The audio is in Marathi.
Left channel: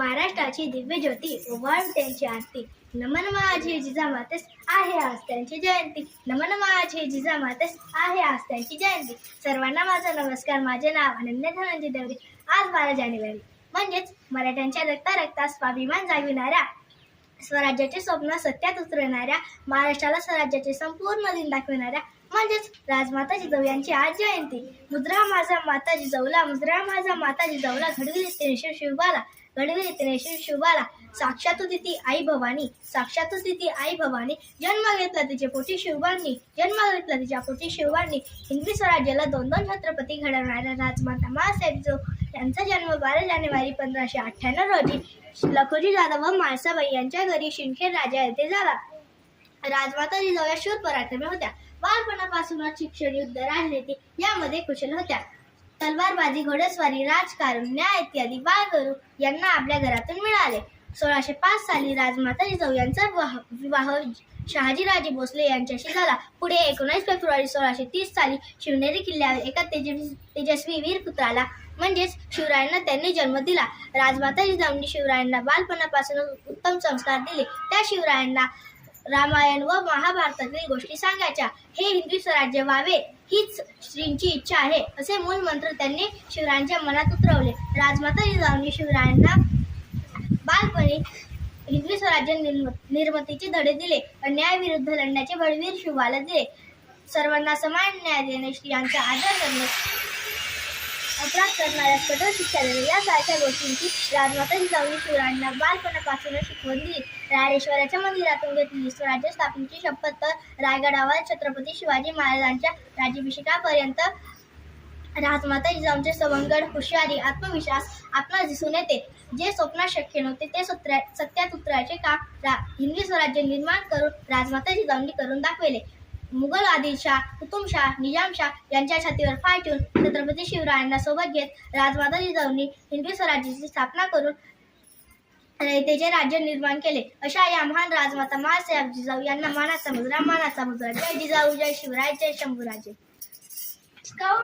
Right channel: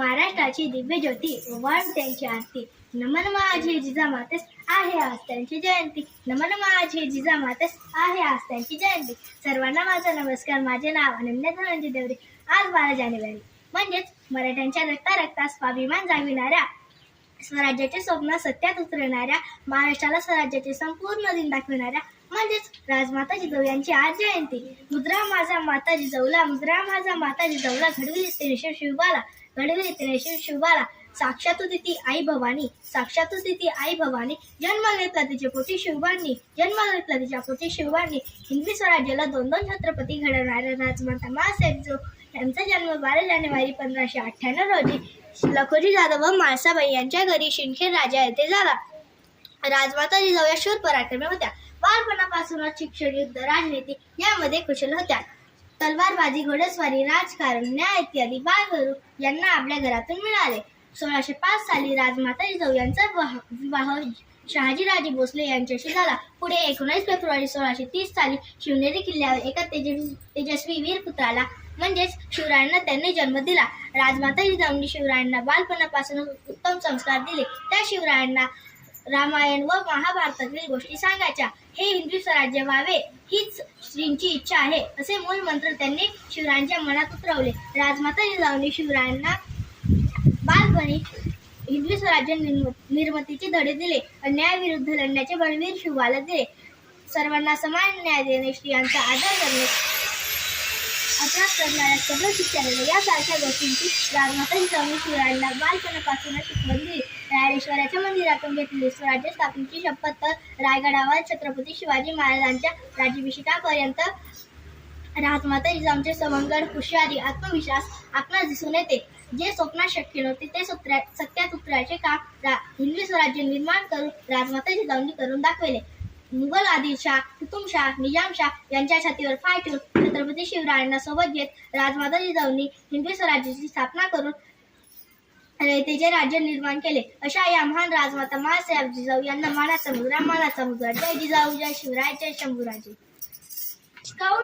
महाराष्ट्राची दिव्य ज्योती ओवाळून त्यांची आरती. नमन माझे जिजामातेस आहे आज त्यांची जयंती. नमन माझे जिजामातेस आहे आज त्यांची जयंती. सर्वांना माझा नमस्कार. माझे नाव अनन्या धनंजय देवरे. आज 12 जानेवारी म्हणजेच मराठ्यांच्या रक्तात स्वाभिमान जागविणाऱ्या, स्वराज्याचे स्वप्न सत्यात उतरवणाऱ्या, महाराष्ट्राला स्वराज्याचे संपूर्ण दिन दाखविणाऱ्या म्हणजेच राजमाता जिजाऊ यांची आज जयंती. मुद्रा माझा माता जिजाऊला, मुद्रा माझा माता जिजाऊला, घडविली तिने शिवबाला, घडविली तिने शिवबाला. साक्षात तिथी आई भवानी, साक्षात तिथी आई भवानी. जन्म घेतला तिच्या पोटी शिवबांनी, जन्म घेतला तिच्या पोटी शिवबांनी. हिंदवी स्वराज्याला 2 छत्रपती घडवणाऱ्या राजमाता माँसाहेब जिजाऊ यांचा जन्म 12 जानेवारी 1598 रोजी लखोजी जाधव व म्हाळसाबाई यांच्या घरी सिंदखेड राजा येथे झाला. राजमाता जिजाऊ या शूर पराक्रमी होत्या. बालपणापासूनच शिक्षण, युद्ध, राजनीती यामध्ये कुशल होत्या. तलवारबाजी, घोडेस्वारी, राजकारण, न्याय इत्यादी बाळगरू यांना आपल्या घरातून मिळाले. 1605 साली राजमाता जिजाऊ यांचा विवाह शहाजीराजे भोसले यांच्याशी झाला. पुढे 19 फेब्रुवारी 1630 साली शिवनेरी किल्ल्यावर एका तेजस्वी वीर पुत्राला म्हणजेच शिवरायांना त्यांनी जन्म दिला. राजमाता जिजाऊंनी शिवरायांना बालपणापासून उत्तम संस्कार दिले. त्या शिवरायांना रामायण व महाभारतातील गोष्टी सांगायच्या. हे हिंदवी स्वराज्य व्हावे हीच श्रींची इच्छा आहे असे मूल मंत्र त्यांनी शिवरायांच्या मनात उतरवले. राजमाता जिजाऊंनी शिवरायांना बालपणी हिंदवी स्वराज्य निर्मितीचे धडे दिले. अन्यायाविरुद्ध लढण्याचे बळवीर शिवबाला दिले. सर्वांना समान न्याय देणे, स्त्रियांचा आदर करणे, अपराध करणाऱ्या कठोर शिक्षा देणे यासारख्या गोष्टींची राजमाता जिजाऊंनी शिवरायांना बालपणापासूनच शिकवण दिली. रायरेश्वराच्या मंदिरातून घेतलेली स्वराज्य स्थापनेची शपथ तर रायगडावर छत्रपती शिवाजी महाराजांच्या राज्याभिषेकापर्यंत राजमाता जिजाऊंचे सवंगड, हुशारी, आत्मविश्वास आपणास दिसून येते. जे स्वप्नात शक्य नव्हते ते सत्यात उतरायचे काम हिंदवी स्वराज्य निर्माण करून राजमाता जिजाऊंनी करून दाखवले. मुघल आदिलशाह, कुतुबशाह, निजामशाह यांच्या छातीवर पाय ठेवून छत्रपती शिवरायांना सोबत घेत राजमाता जिजाऊंनी हिंदवी स्वराज्याची स्थापना करून रयतेचे राज्य निर्माण केले. अशा या महान राजमाता माँसाहेब जिजाऊ यांना मानाचा मुजरा, मानाचा मुजरा. जय जिजाऊ, जय शिवराय, जय शंभूराजे.